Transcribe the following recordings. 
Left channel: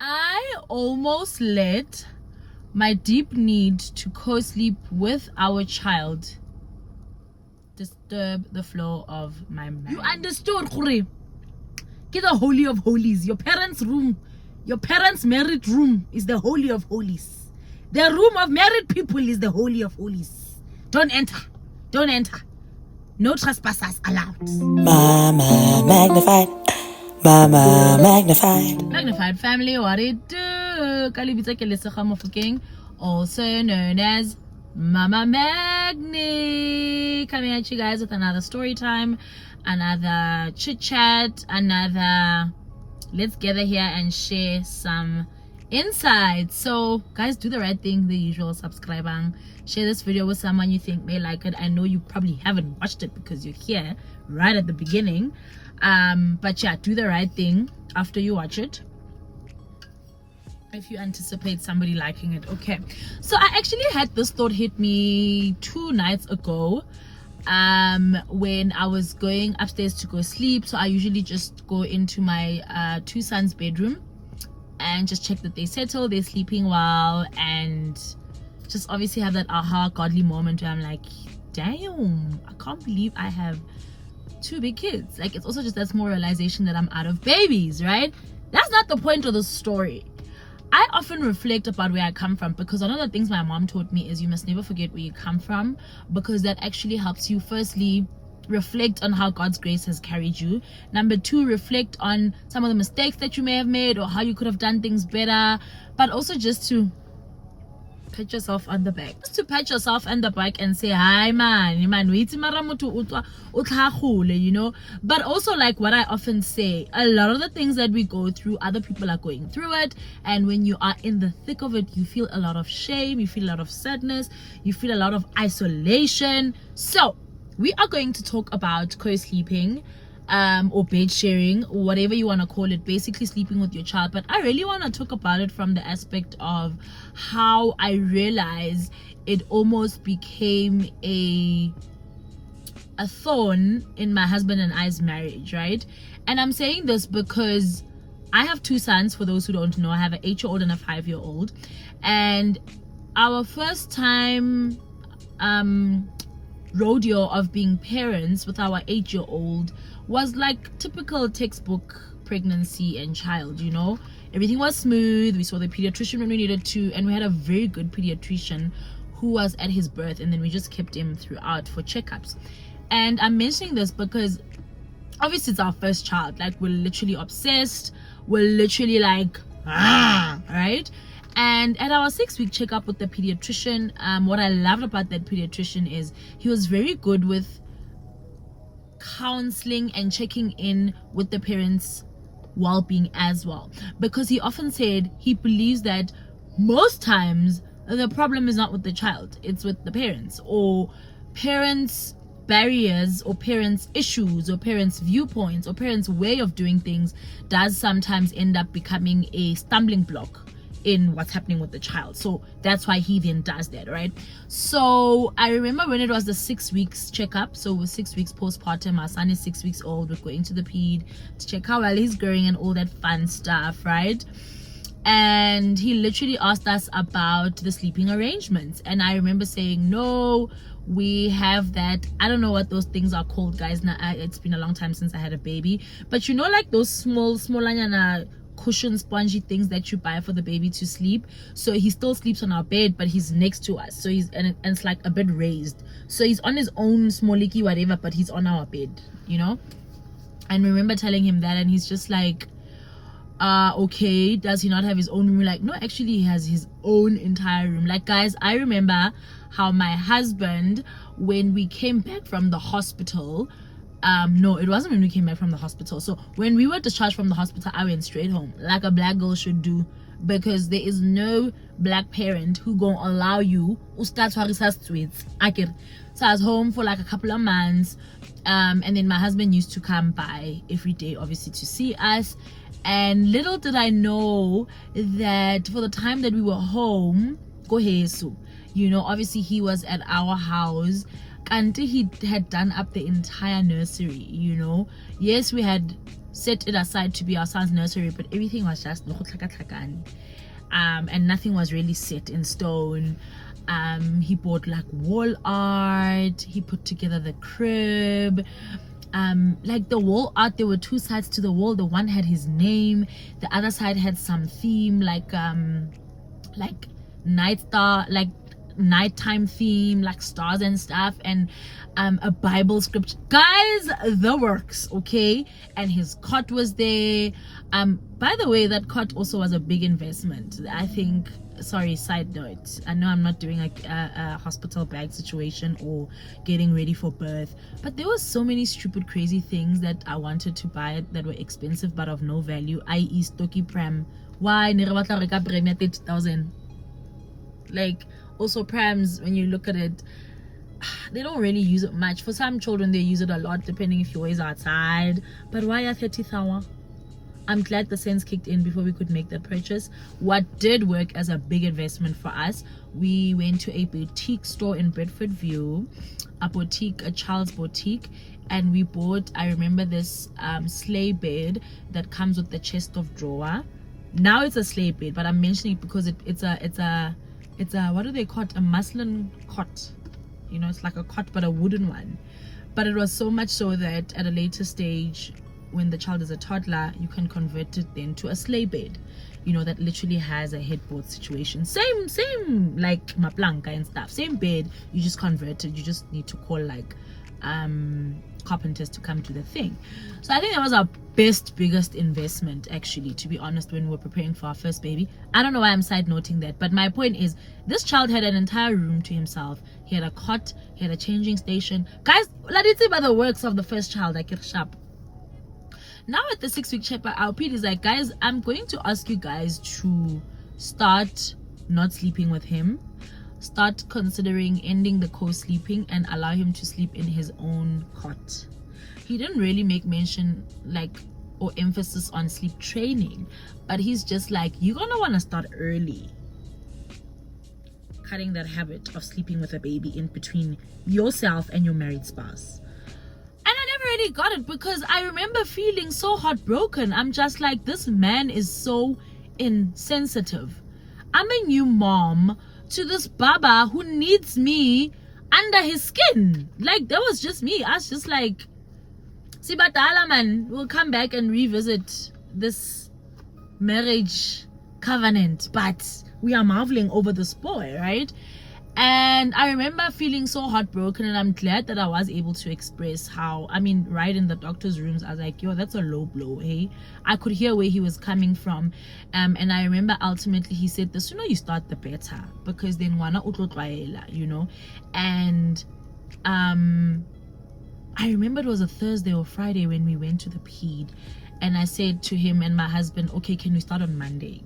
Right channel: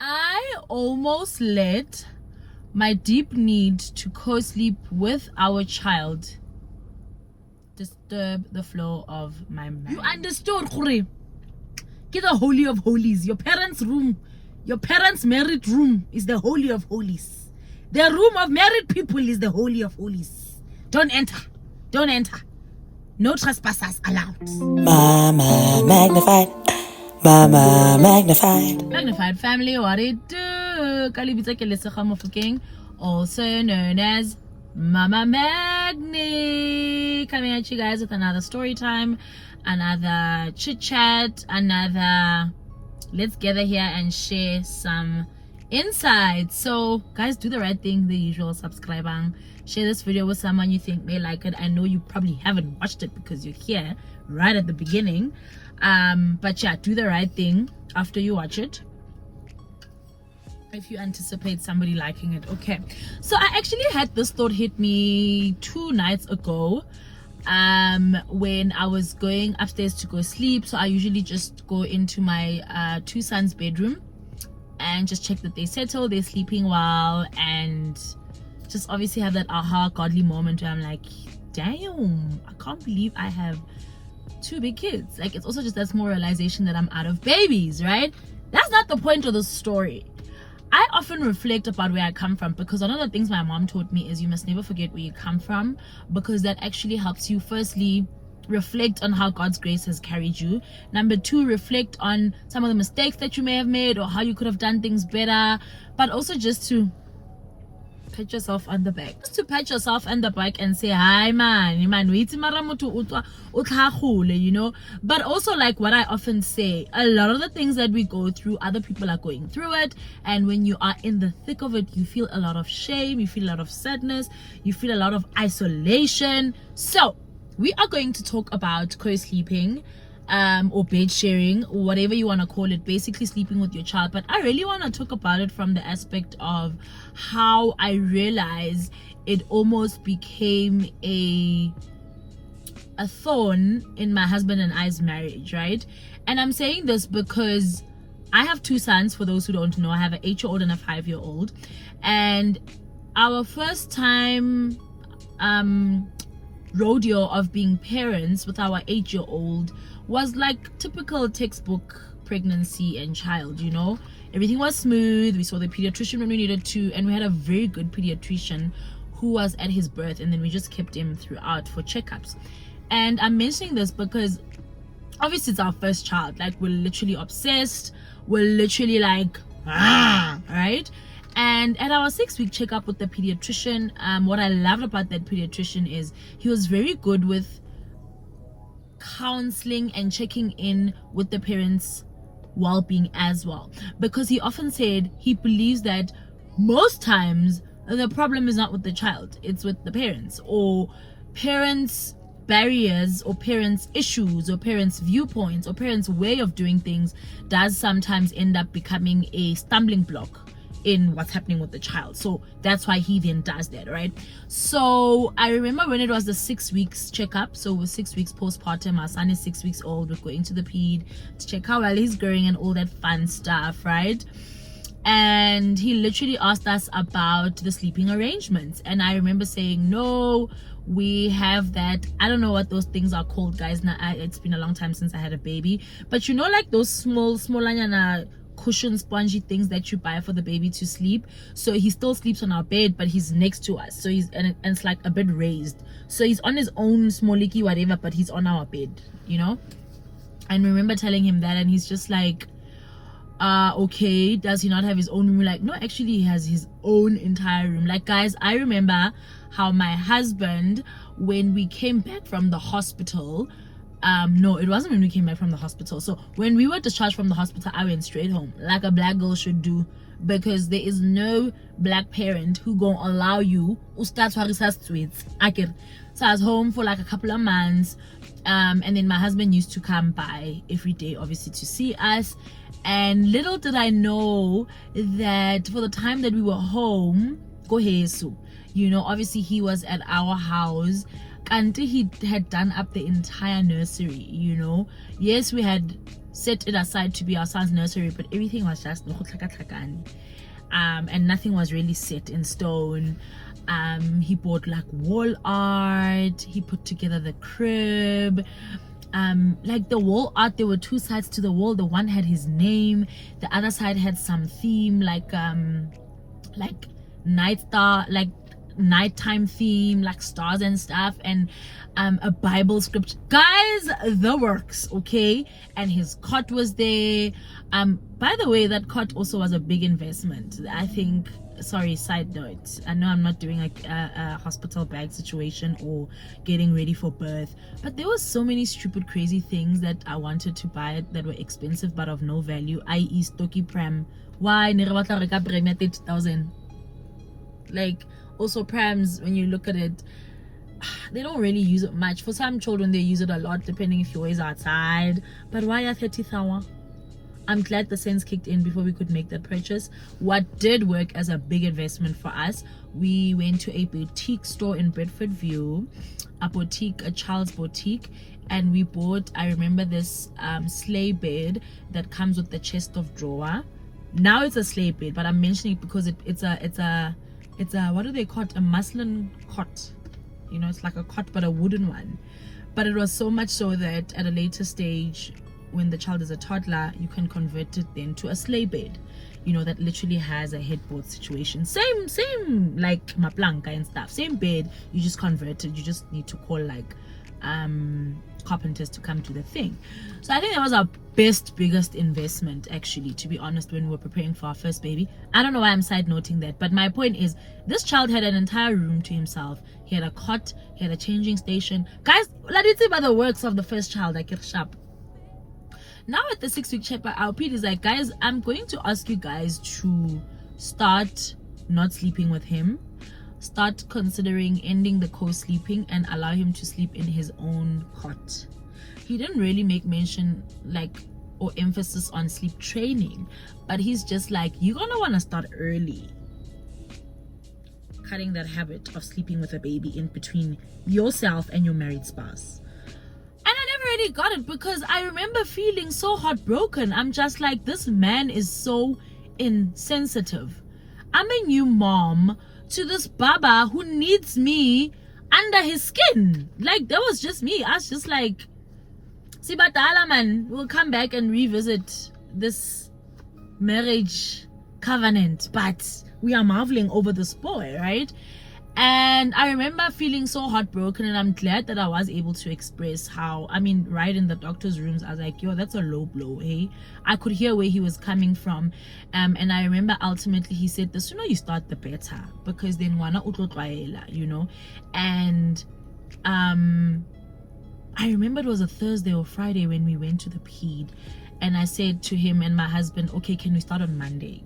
I almost let my deep need to co-sleep with our child disturb the flow of my marriage. You understood, Khuri? Get the holy of holies. Your parents' room, your parents' married room is the holy of holies. The room of married people is the holy of holies. Don't enter. Don't enter. No trespassers allowed. Mama magnified. Mama magnified. Magnified family, what it do? Kalibita Kelesakha Mofokeng, also known as Mama Magni. Coming at you guys with another story time, another chit chat, another let's gather here and share some insights. So guys, do the right thing, the usual subscribing, share this video with someone you think may like it. I know you probably haven't watched it because you're here right at the beginning, but yeah, do the right thing after you watch it if you anticipate somebody liking it. Okay, so I actually had this thought hit me 2 nights ago when I was going upstairs to go sleep. So I usually just go into my 2 sons' bedroom and just check that they settle, they're sleeping well, and just obviously have that aha godly moment where I'm like, damn, I can't believe I have 2 big kids. Like, it's also just that small realization that I'm out of babies, right? That's not the point of the story. I often reflect about where I come from, because one of the things my mom taught me is you must never forget where you come from, because that actually helps you firstly reflect on how God's grace has carried you. Number 2, reflect on some of the mistakes that you may have made or how you could have done things better, but also just to pat yourself on the back. Just to pat yourself on the back and say, hi man, you know. But also, like what I often say, a lot of the things that we go through, other people are going through it, and when you are in the thick of it, you feel a lot of shame, you feel a lot of sadness, you feel a lot of isolation. So we are going to talk about co-sleeping, or bed sharing, or whatever you want to call it, basically sleeping with your child. But I really want to talk about it from the aspect of how I realize it almost became a thorn in my husband and I's marriage, right? And I'm saying this because I have 2 sons. For those who don't know, I have an 8-year-old and a 5-year-old, and our first time rodeo of being parents with our 8-year-old was like typical textbook pregnancy and child, you know. Everything was smooth. We saw the pediatrician when we needed to, and we had a very good pediatrician who was at his birth, and then we just kept him throughout for checkups. And I'm mentioning this because obviously it's our first child. Like, we're literally obsessed, we're literally like right? And at our 6-week checkup with the pediatrician, what I loved about that pediatrician is he was very good with counseling and checking in with the parents' well-being as well, because he often said he believes that most times the problem is not with the child, it's with the parents, or parents' barriers, or parents' issues, or parents' viewpoints, or parents' way of doing things does sometimes end up becoming a stumbling block in what's happening with the child. So that's why he then does that, right? So I remember when it was the 6 weeks checkup, so we're 6 weeks postpartum, our son is 6 weeks old, we're going to the ped to check how well he's growing and all that fun stuff, right? And he literally asked us about the sleeping arrangements, and I remember saying, no, we have that, I don't know what those things are called, guys. Now it's been a long time since I had a baby, but you know, like those small cushion spongy things that you buy for the baby to sleep. So he still sleeps on our bed, but he's next to us, so he's and it's like a bit raised, so he's on his own small leaky whatever, but he's on our bed, you know. And remember telling him that, and he's just like, okay, does he not have his own room? We're like, no, actually he has his own entire room. Like, guys, I remember how my husband, when we came back from the hospital, no, it wasn't when we came back from the hospital. So when we were discharged from the hospital, I went straight home, like a black girl should do, because there is no black parent who gonna allow you to start sweets. So I was home for like a couple of months, and then my husband used to come by every day, obviously, to see us. And little did I know that for the time that we were home, you know, obviously he was at our house until he had done up the entire nursery, you know. Yes, we had set it aside to be our son's nursery, but everything was just and nothing was really set in stone. He bought like wall art, he put together the crib. Like the wall art, there were two sides to the wall. The one had his name, the other side had some theme like night star, like nighttime theme, like stars and stuff, and a Bible script. Guys, the works, okay? And his cot was there. By the way, that cot also was a big investment, I think. Sorry, side note, I know I'm not doing a hospital bag situation or getting ready for birth, but there were so many stupid crazy things that I wanted to buy that were expensive but of no value, i.e. stocky pram. Why ne re batla reka pram ya 30,000? Like, also prams, when you look at it, they don't really use it much. For some children they use it a lot, depending if you always outside, but why are 30,000? I'm glad the sense kicked in before we could make that purchase. What did work as a big investment for us, we went to a boutique store in Bedford View, a child's boutique, and we bought, I remember this sleigh bed that comes with the chest of drawer. Now it's a sleigh bed, but I'm mentioning it because it's a what do they call it, a muslin cot, you know, it's like a cot but a wooden one. But it was so much so that at a later stage, when the child is a toddler, you can convert it then to a sleigh bed, you know, that literally has a headboard situation, same like maplanka and stuff, same bed, you just convert it. You just need to call like carpenters to come to the thing. So I think that was our biggest investment, actually, to be honest, when we were preparing for our first baby. I don't know why I'm side noting that, but my point is, this child had an entire room to himself. He had a cot, he had a changing station. Guys, let's say by the works of the first child, I get sharp. Now at the 6-week shepherd, our Pete is like, guys, I'm going to ask you guys to start not sleeping with him, start considering ending the co-sleeping and allow him to sleep in his own cot. He didn't really make mention like or emphasis on sleep training, but he's just like, you're gonna want to start early cutting that habit of sleeping with a baby in between yourself and your married spouse. Got it, because I remember feeling so heartbroken. I'm just like, this man is so insensitive. I'm a new mom to this baba who needs me under his skin. Like, that was just me. I was just like, Sibatala man, we'll come back and revisit this marriage covenant, but we are marveling over this boy, right? And I remember feeling so heartbroken, and I'm glad that I was able to express how, I mean, right in the doctor's rooms, I was like, yo, that's a low blow, hey? I could hear where he was coming from. And I remember ultimately he said, the sooner you start, the better, because then wana utlotwaela, you know? And I remember it was a Thursday or Friday when we went to the ped, and I said to him and my husband, okay, can we start on Monday?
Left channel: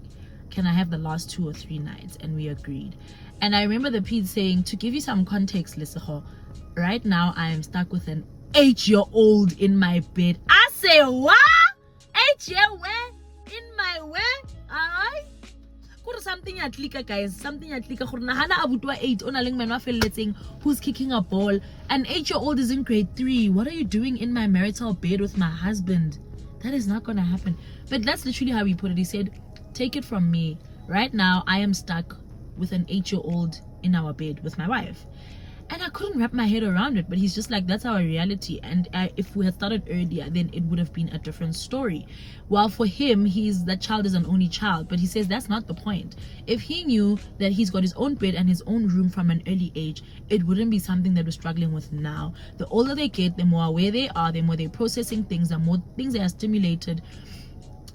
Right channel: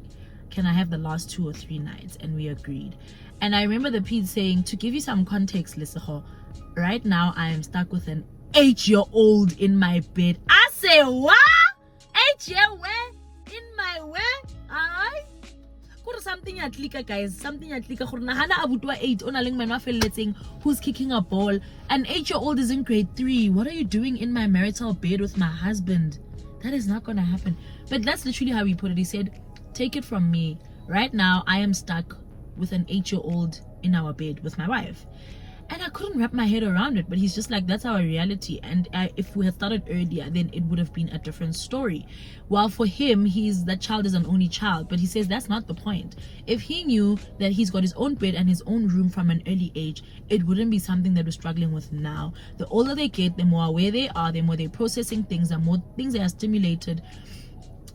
Can I have the last 2 or 3 nights? And we agreed. And I remember the ped saying, to give you some context, Liseho, right now I am stuck with an 8-year-old in my bed. I say, what? 8 year where? In my where? Alright? Something at Lika, guys. Something at Lika. Hana abutwa 8 onaling man letting who's kicking a ball. An 8-year-old is in grade 3. What are you doing in my marital bed with my husband? That is not gonna happen. But that's literally how he put it. He said, take it from me. Right now I am stuck with an 8-year-old in our bed with my wife. And I couldn't wrap my head around it, but he's just like, that's our reality. And if we had started earlier, then it would have been a different story. While for him, that child is an only child, but he says that's not the point. If he knew that he's got his own bed and his own room from an early age, it wouldn't be something that we're struggling with now. The older they get, the more aware they are, the more they're processing things, the more things they are stimulated.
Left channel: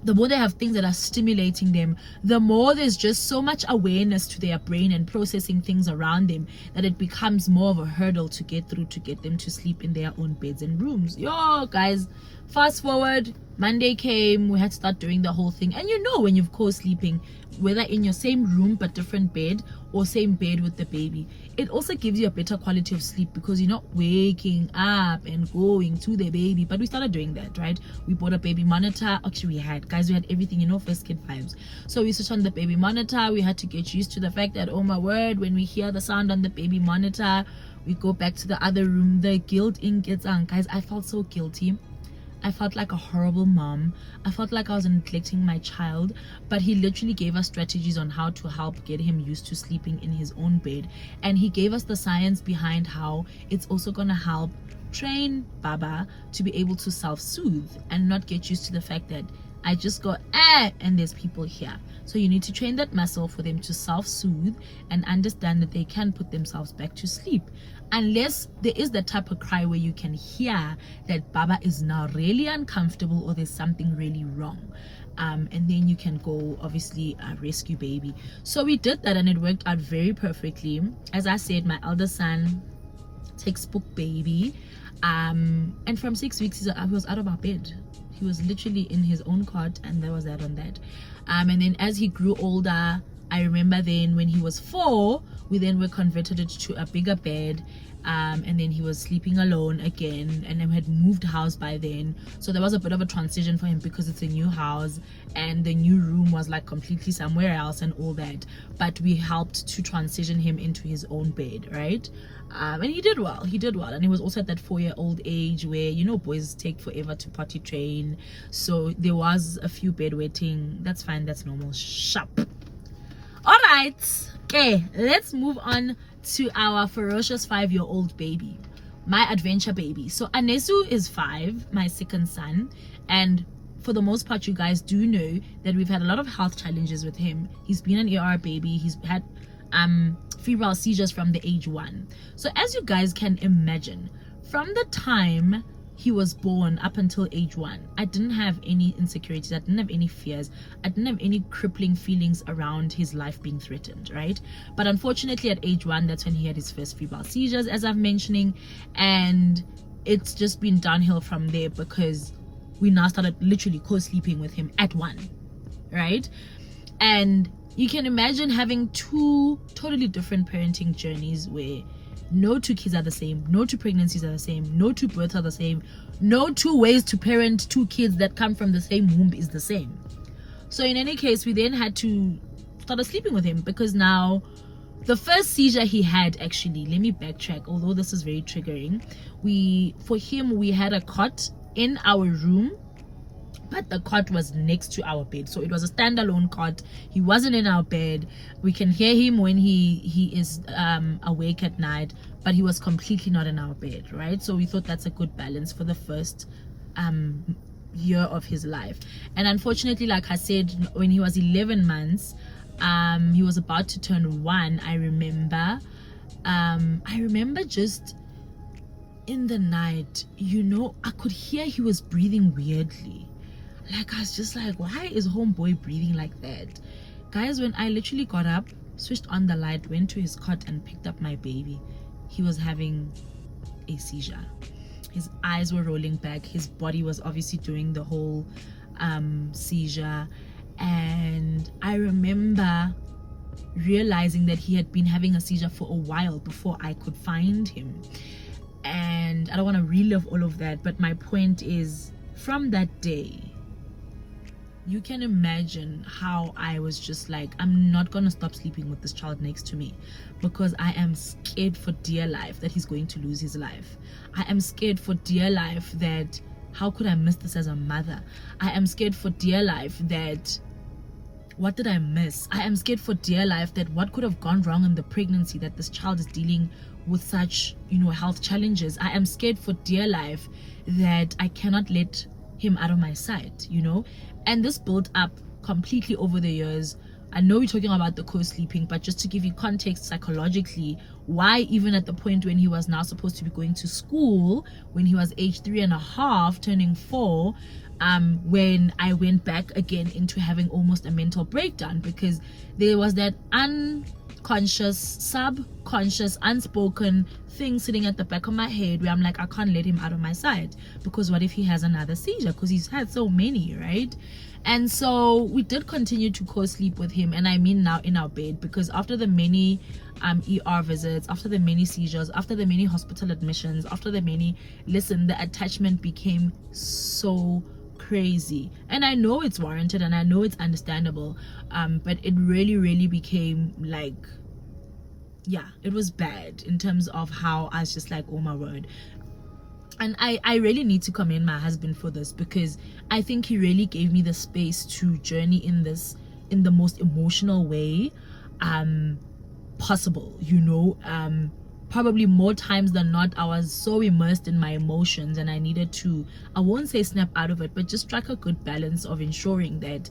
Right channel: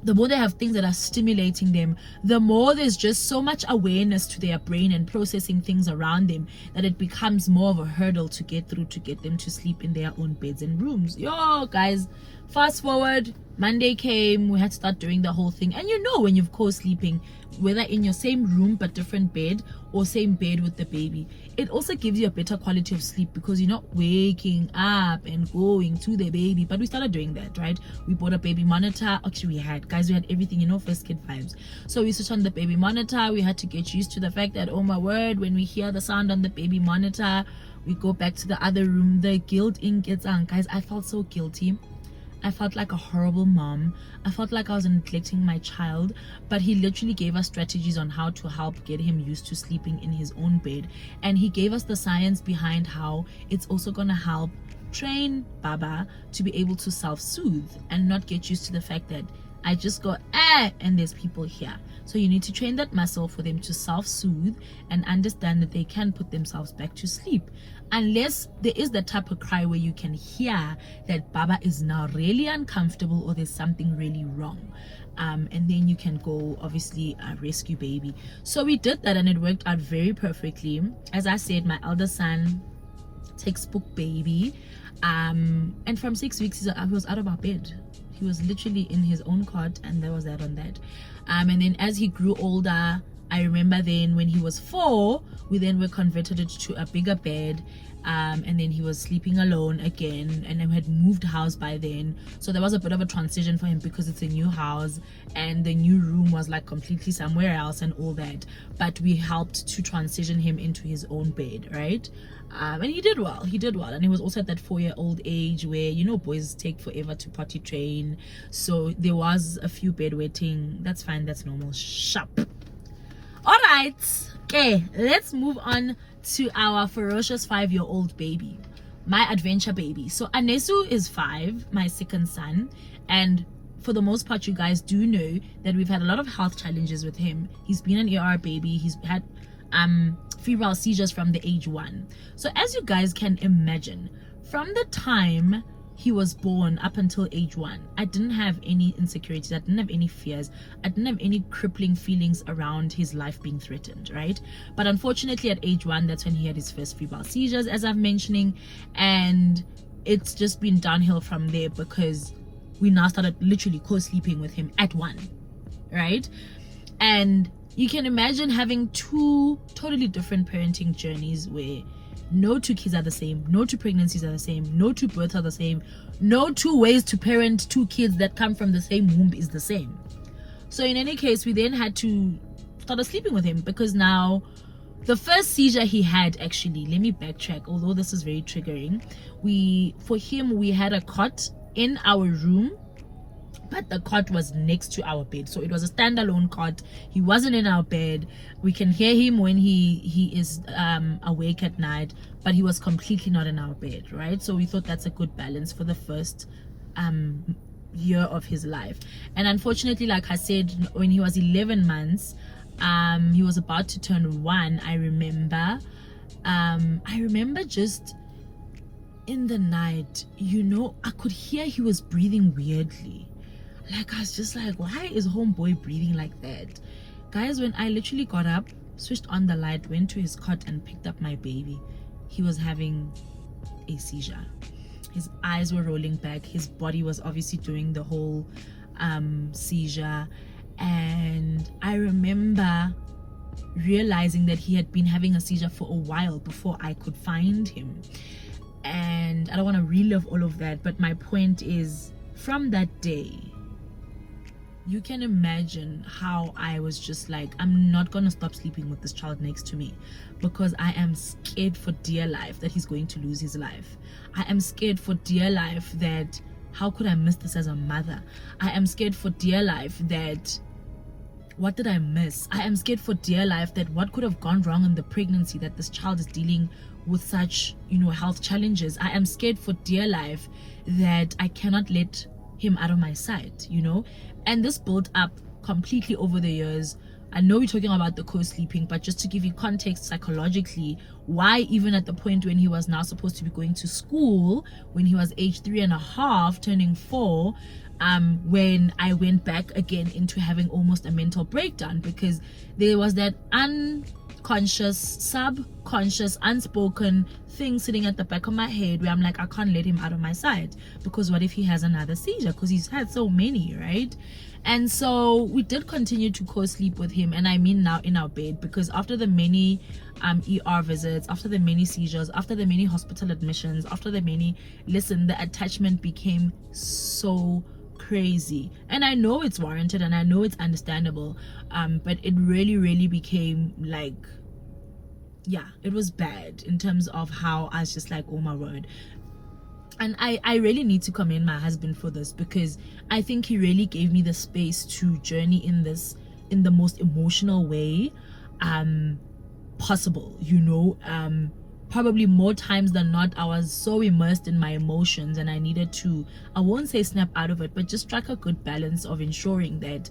The more they have things that are stimulating them, the more there's just so much awareness to their brain and processing things around them that it becomes more of a hurdle to get through to get them to sleep in their own beds and rooms. Yo, guys, fast forward, Monday came, we had to start doing the whole thing. And you know, when you've co-sleeping, whether in your same room but different bed or same bed with the baby, it also gives you a better quality of sleep because you're not waking up and going to the baby. But we started doing that, right? We bought a baby monitor. Actually, we had everything, you know, first kid vibes. So we switched on the baby monitor. We had to get used to the fact that, oh my word, when we hear the sound on the baby monitor, we go back to the other room. The guilt in gets on. Guys, I felt so guilty. I felt like a horrible mom. I felt like I was neglecting my child. But he literally gave us strategies on how to help get him used to sleeping in his own bed. And he gave us the science behind how it's also going to help train Baba to be able to self-soothe and not get used to the fact that I just go and there's people here. So you need to train that muscle for them to self-soothe and understand that they can put themselves back to sleep, unless there is the type of cry where you can hear that Baba is now really uncomfortable or there's something really wrong. And then you can go obviously rescue baby. So we did that and it worked out very perfectly. As I said, my elder son, textbook baby, and from 6 weeks I was out of our bed. He was literally in his own cot, and that was that on that. And then as he grew older, I remember then when he was 4, we then were converted it to a bigger bed, and then he was sleeping alone again, and then we had moved house by then. So there was a bit of a transition for him because it's a new house and the new room was like completely somewhere else and all that. But we helped to transition him into his own bed, right? And he did well, and he was also at that 4-year-old age where, you know, boys take forever to potty train. So there was a few bedwetting. That's fine, that's normal. Sharp. All right, okay, let's move on to our ferocious 5-year-old baby, my adventure baby. So Anesu is 5, my second son, and for the most part, you guys do know that we've had a lot of health challenges with him. He's been an ER baby. He's had febrile seizures from the age 1. So as you guys can imagine, from the time he was born up until age 1, I didn't have any insecurities, I didn't have any fears, I didn't have any crippling feelings around his life being threatened, right? But unfortunately at age 1, that's when he had his first febrile seizures, as I'm mentioning, and it's just been downhill from there because we now started literally co-sleeping with him at 1, right? And you can imagine having 2 totally different parenting journeys where no 2 kids are the same, no 2 pregnancies are the same, no 2 births are the same, no 2 ways to parent 2 kids that come from the same womb is the same. So in any case, we then had to start sleeping with him because now the first seizure he had, actually, let me backtrack, although this is very triggering. For him, we had a cot in our room, but the cot was next to our bed, so it was a standalone cot. He wasn't in our bed. We can hear him when he is awake at night, but he was completely not in our bed, right? So we thought that's a good balance for the first year of his life. And unfortunately, like I said, when he was 11 months, he was about to turn 1. I remember just in the night, you know, I could hear he was breathing weirdly. Like, I was just like, why is homeboy breathing like that? Guys, when I literally got up, switched on the light, went to his cot and picked up my baby, he was having a seizure. His eyes were rolling back. His body was obviously doing the whole seizure. And I remember realizing that he had been having a seizure for a while before I could find him. And I don't want to relive all of that, but my point is, from that day, you can imagine how I was just like, I'm not gonna stop sleeping with this child next to me because I am scared for dear life that he's going to lose his life. I am scared for dear life that how could I miss this as a mother? I am scared for dear life that what did I miss? I am scared for dear life that what could have gone wrong in the pregnancy that this child is dealing with such, you know, health challenges. I am scared for dear life that I cannot let him out of my sight, you know. And this built up completely over the years. I know we're talking about the co-sleeping, but just to give you context psychologically, why even at the point when he was now supposed to be going to school, when he was age 3.5 turning 4, when I went back again into having almost a mental breakdown, because there was that unconscious, subconscious, unspoken thing sitting at the back of my head where I'm like, I can't let him out of my sight because what if he has another seizure, because he's had so many, right? And so we did continue to co-sleep with him, and I mean now in our bed, because after the many ER visits, after the many seizures, after the many hospital admissions, after the many, listen, the attachment became so crazy. And I know it's warranted and I know it's understandable, but it really became like, yeah, it was bad in terms of how I was just like, oh my word. And I really need to commend my husband for this, because I think he really gave me the space to journey in this in the most emotional way possible, probably more times than not I was so immersed in my emotions, and I needed to, I won't say snap out of it, but just strike a good balance of ensuring that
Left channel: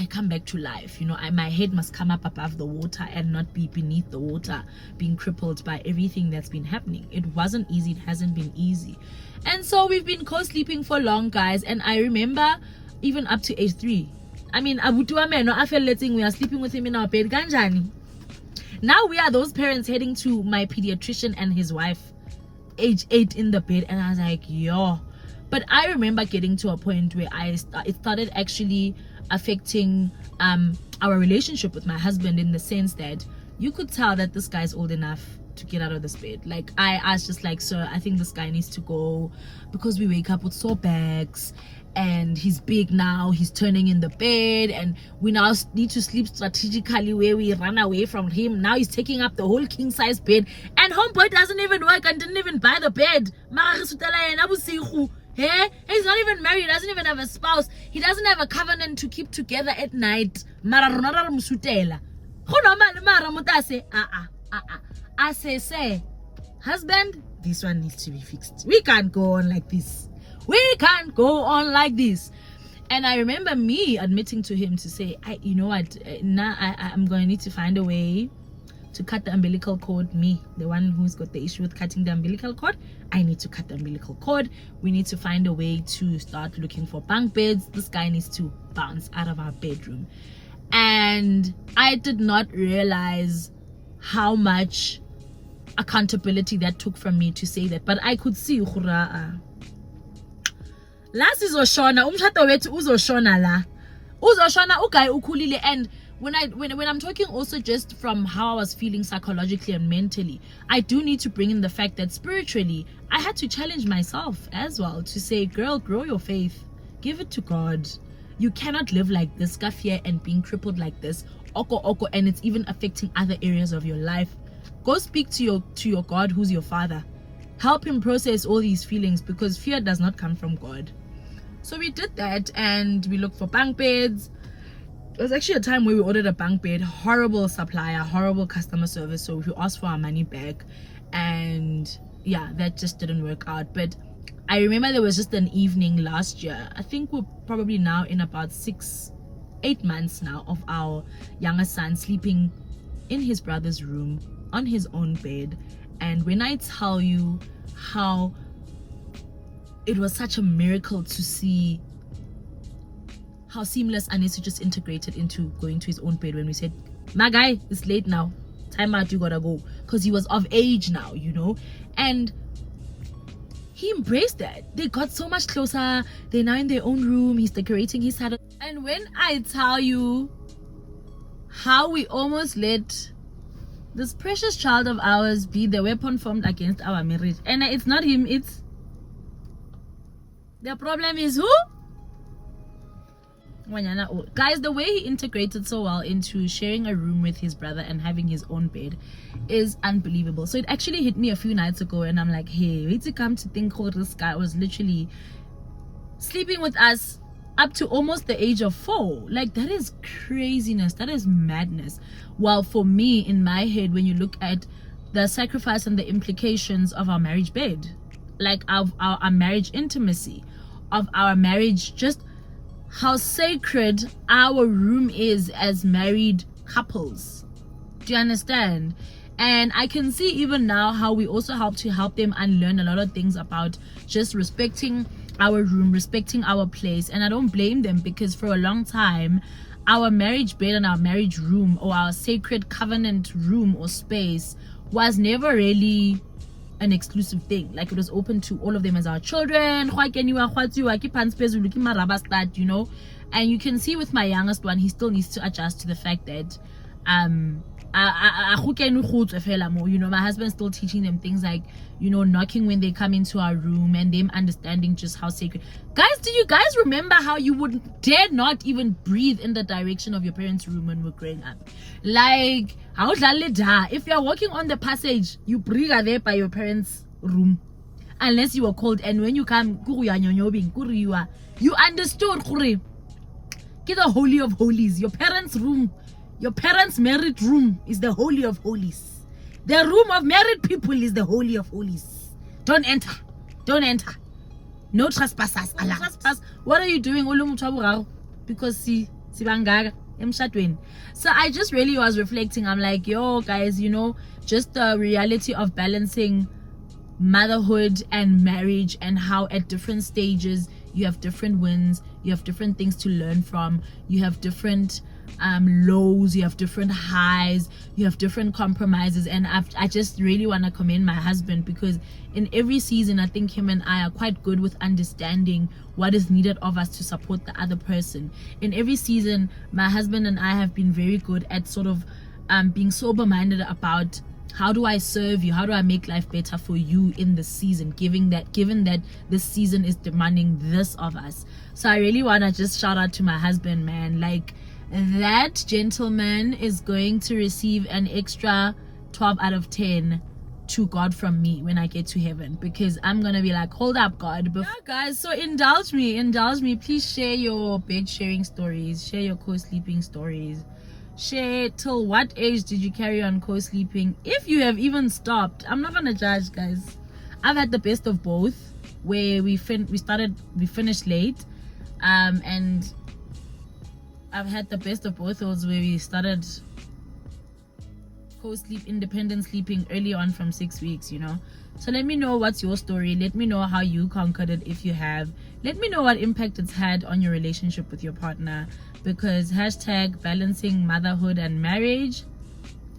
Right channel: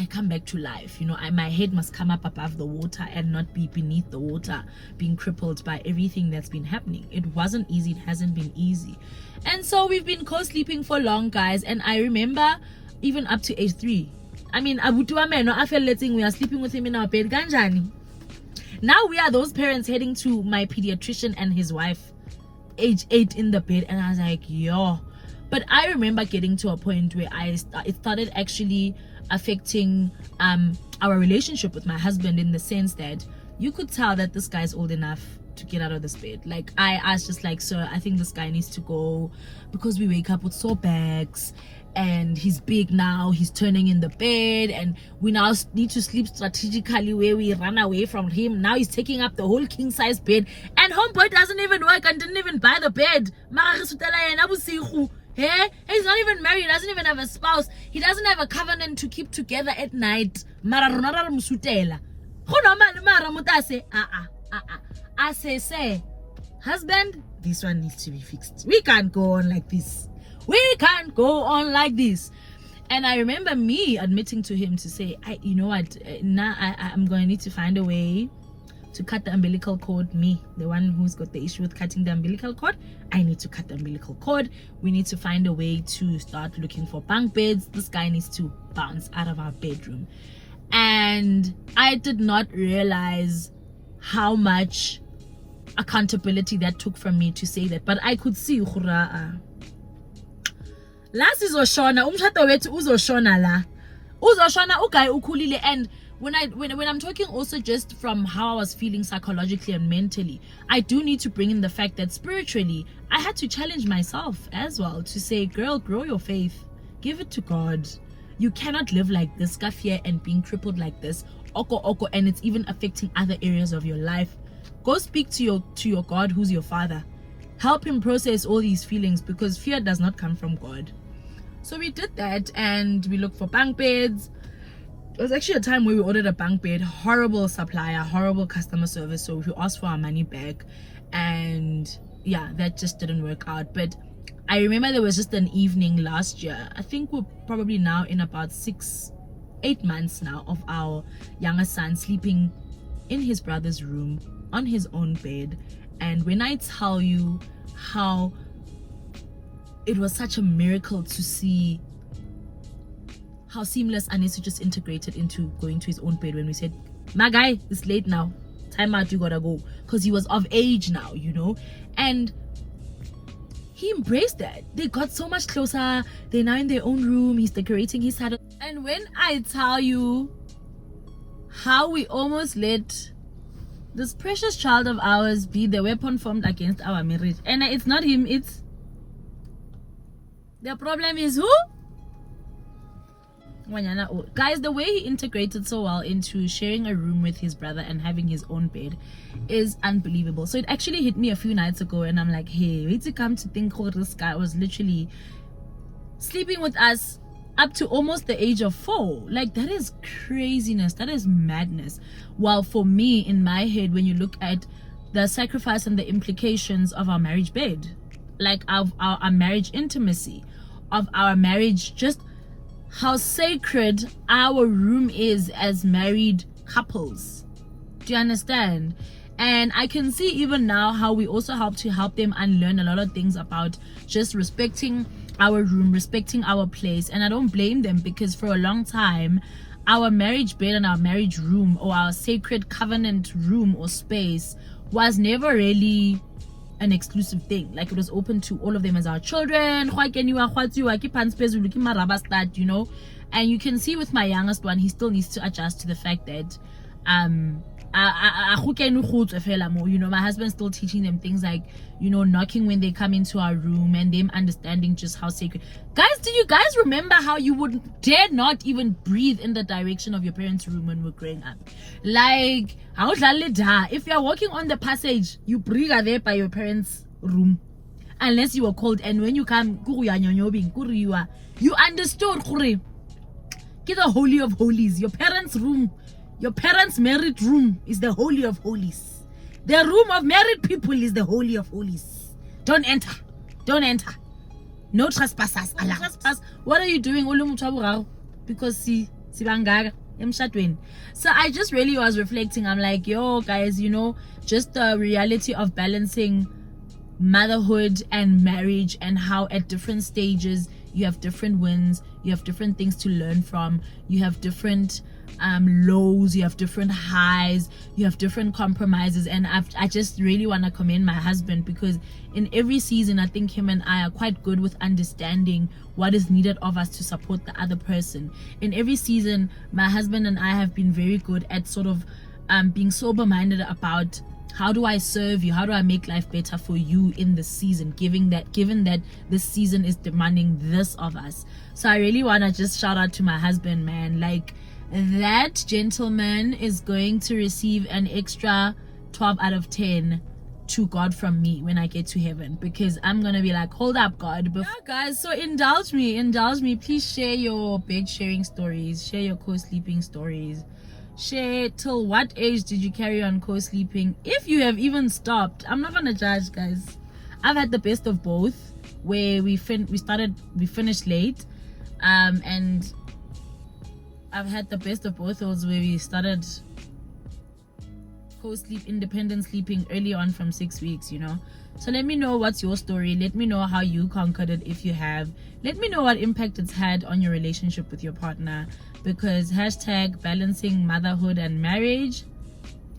I come back to life. My head must come up above the water and not be beneath the water, being crippled by everything that's been happening. It wasn't easy. It hasn't been easy. And so we've been co-sleeping for long, guys. And I remember even up to age 3. I mean, I felt letting we are sleeping with him in our bed. Ganjani. Now we are those parents heading to my pediatrician and his wife, age 8, in the bed. And I was like, yo. But I remember getting to a point where it started actually affecting our relationship with my husband, in the sense that you could tell that this guy's old enough to get out of this bed. Like, I was just like, sir, I think this guy needs to go, because we wake up with sore backs, and he's big now, he's turning in the bed, and we now need to sleep strategically where we run away from him. Now he's taking up the whole king size bed, and homeboy doesn't even work and didn't even buy the bed. Yeah, he's not even married, he doesn't even have a spouse, he doesn't have a covenant to keep together at night. I say, husband, this one needs to be fixed. We can't go on like this. And I remember me admitting to him to say, you know what, now I'm going to need to find a way to cut the umbilical cord. Me, the one who's got the issue with cutting the umbilical cord, I need to cut the umbilical cord. We need to find a way to start looking for bunk beds. This guy needs to bounce out of our bedroom. And I did not realize how much accountability that took from me to say that. But I could see last is Oshona, uzoshona la. Uzoshona ugai ukulile. And when I'm talking also just from how I was feeling psychologically and mentally, I do need to bring in the fact that spiritually I had to challenge myself as well, to say, girl, grow your faith, give it to God. You cannot live like this, fear and being crippled like this, oko, and it's even affecting other areas of your life. Go speak to your God, who's your father. Help him process all these feelings, because fear does not come from God. So we did that, and we looked for bunk beds. It was actually a time where we ordered a bunk bed, horrible supplier, horrible customer service, so we asked for our money back, and yeah, that just didn't work out. But I remember there was just an evening last year, I think we're probably now in about 6-8 months now, of our younger son sleeping in his brother's room on his own bed. And when I tell you how it was such a miracle to see how seamless Anissa just integrated into going to his own bed, when we said, my guy, it's late now, time out, you gotta go, because he was of age now, and he embraced that. They got so much closer. They're now in their own room. He's decorating his side. And when I tell you how we almost let this precious child of ours be the weapon formed against our marriage, and it's not him, it's the problem is who? Guys, the way he integrated so well into sharing a room with his brother and having his own bed is unbelievable. So it actually hit me a few nights ago, and I'm like, hey, wait to come to think how this guy was literally sleeping with us up to almost the age of 4. Like, that is craziness, that is madness. Well, for me, in my head, when you look at the sacrifice and the implications of our marriage bed, like of our marriage intimacy, of our marriage, just how sacred our room is as married couples. Do you understand? And I can see even now how we also help them unlearn a lot of things about just respecting our room, respecting our place. And I don't blame them, because for a long time our marriage bed and our marriage room, or our sacred covenant room or space, was never really an exclusive thing. Like, it was open to all of them as our children, and you can see with my youngest one, he still needs to adjust to the fact that my husband's still teaching them things like, knocking when they come into our room, and them understanding just how sacred. Guys, do you guys remember how you would dare not even breathe in the direction of your parents' room when we were growing up? Like, if you're walking on the passage, you breathe there by your parents' room unless you were called, and when you come you understood the holy of holies. Your parents' room, your parents' married room is the holy of holies. The room of married people is the holy of holies. Don't enter. Don't enter. No trespassers allowed. Trespass. What are you doing? Because so I just really was reflecting. I'm like, yo guys, just the reality of balancing motherhood and marriage, and how at different stages you have different wins, you have different things to learn from, you have different lows, you have different highs, you have different compromises. And I just really want to commend my husband, because in every season I think him and I are quite good with understanding what is needed of us to support the other person. In every season my husband and I have been very good at sort of being sober-minded about, how do I serve you? How do I make life better for you in this season, given that this season is demanding this of us? So I really want to just shout out to my husband, man. Like, that gentleman is going to receive an extra 12 out of 10 to God from me when I get to heaven, because I'm gonna be like, hold up, God. Yeah, guys, so indulge me. Please share your bed sharing stories, share your co-sleeping stories. Share till what age did you carry on co-sleeping, if you have even stopped. I'm not gonna judge, guys. I've had the best of both, where we finished late, and I've had the best of both those where we started co-sleep independent sleeping early on from 6 weeks. So let me know what's your story. Let me know how you conquered it, if you have. Let me know what impact it's had on your relationship with your partner, because #balancing motherhood and marriage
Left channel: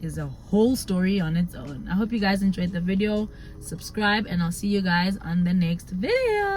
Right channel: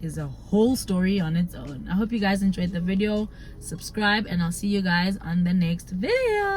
is a whole story on its own. I hope you guys enjoyed the video. Subscribe, and I'll see you guys on the next video.